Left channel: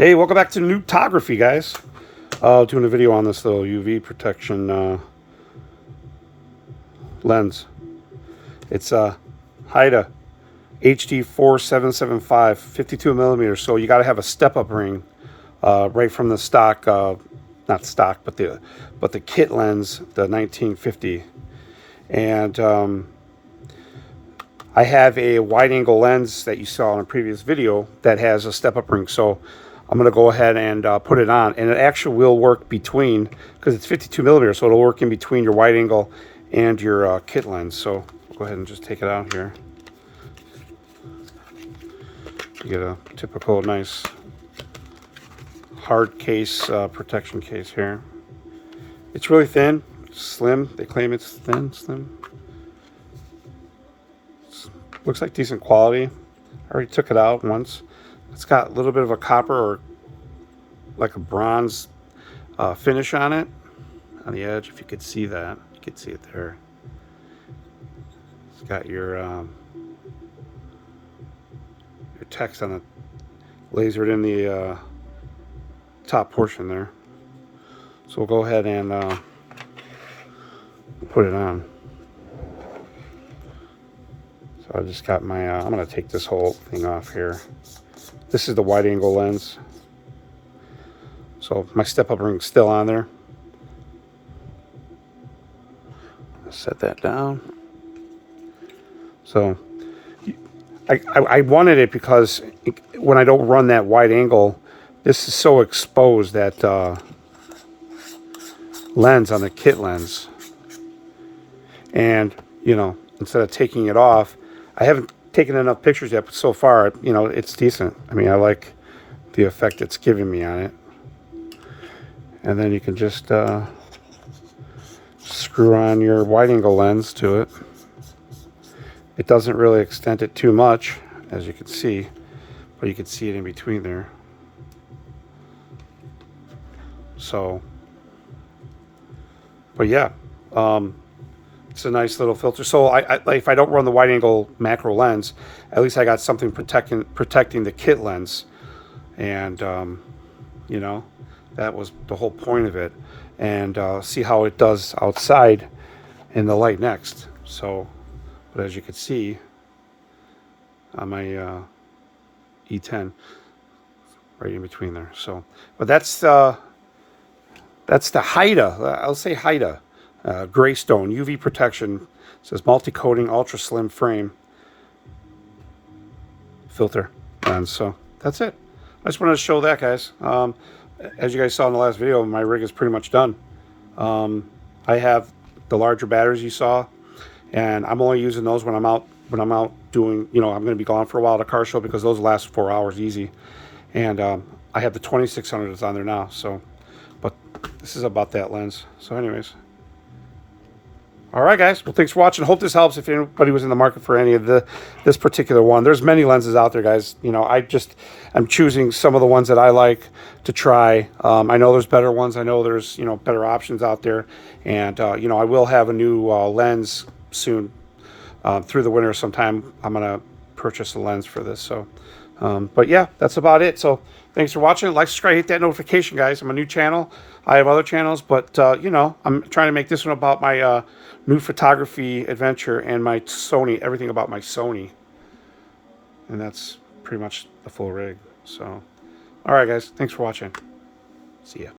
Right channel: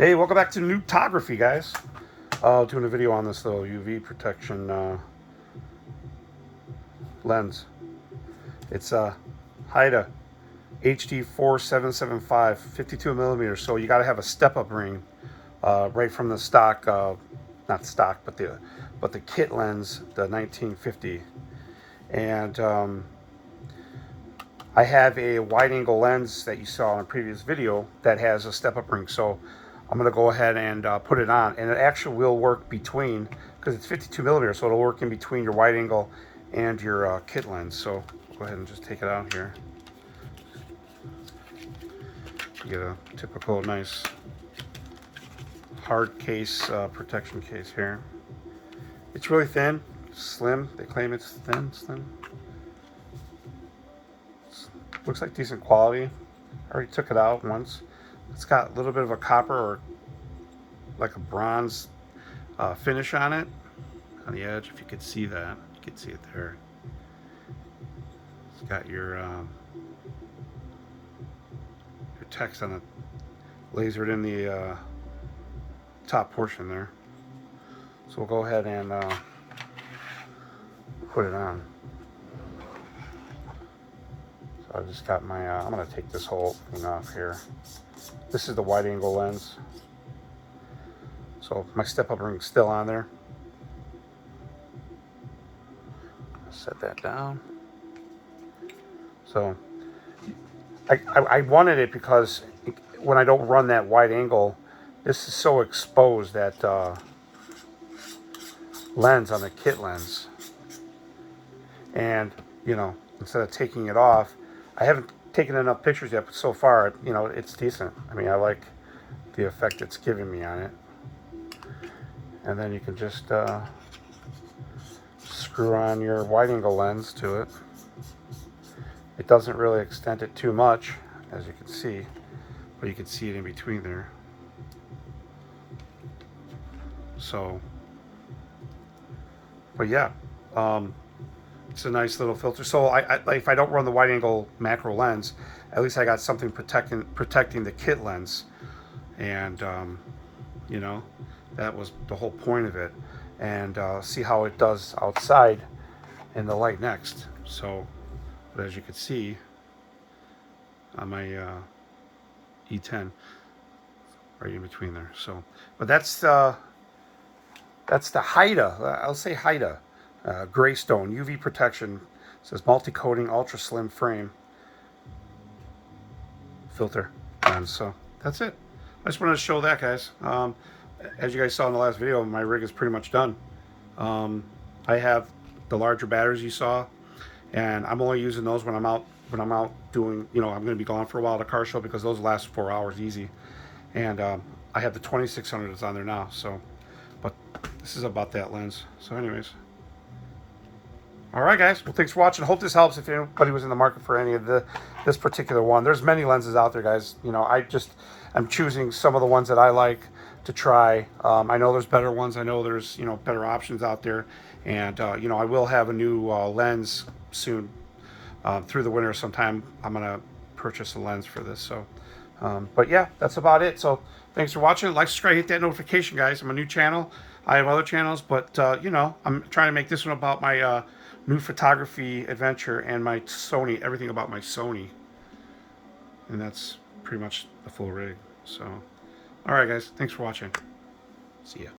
Hey, welcome back to Noobtography, guys. Doing a video on this little UV protection lens. It's a Haida HD 4775, 52 millimeters. So you got to have a step-up ring right from the stock, not stock, but the kit lens, the 1950. And I have a wide-angle lens that you saw in a previous video that has a step-up ring. So I'm going to go ahead and put it on, and it actually will work between, because it's 52 millimeters, so it'll work in between your wide angle and your kit lens. So go ahead and just take it out here. You get a typical nice hard case, protection case here. It's really thin, slim. They claim it's thin, slim. Looks like decent quality. I already took it out once. It's got a little bit of a copper or like a bronze finish on it, on the edge. If you could see that, you could see it there. It's got your text on it, lasered in the top portion there. So we'll go ahead and put it on. So I just got my, I'm going to take this whole thing off here. This is the wide angle lens. So my step-up ring's still on there. Set that down. So I wanted it because when I don't run that wide angle, this is so exposed, that lens on the kit lens. And, you know, instead of taking it off, I haven't taken enough pictures yet, but so far, you know, it's decent. I mean, I like the effect it's giving me on it. And then you can just screw on your wide angle lens to it. It doesn't really extend it too much, as you can see, but you can see it in between there. So, but yeah, it's a nice little filter. So if I don't run the wide angle macro lens, at least I got something protecting the kit lens. And you know, that was the whole point of it. And see how it does outside in the light next. So, but as you can see on my E10, right in between there. So, but that's the Haida. I'll say Haida Greystone UV protection. It says multi-coating ultra slim frame filter. And so that's it. I just wanted to show that, guys. As you guys saw in the last video, my rig is pretty much done. I have the larger batteries you saw, and I'm only using those when I'm out doing, you know, I'm going to be gone for a while at a car show, because those last 4 hours easy. And I have the 2600 that's on there now. So, but this is about that lens. So anyways, all right, guys. Well, thanks for watching. Hope this helps if anybody was in the market for any of this particular one. There's many lenses out there, guys. You know, I'm choosing some of the ones that I like to try. I know there's better ones. I know there's, you know, better options out there. And, you know, I will have a new lens soon. Through the winter sometime, I'm going to purchase a lens for this. So, but yeah, that's about it. So thanks for watching. Like, subscribe, hit that notification, guys. I'm a new channel. I have other channels, but, you know, I'm trying to make this one about my new photography adventure and my Sony, everything about my Sony. And that's pretty much the full rig. So, all right, guys. Thanks for watching. See ya.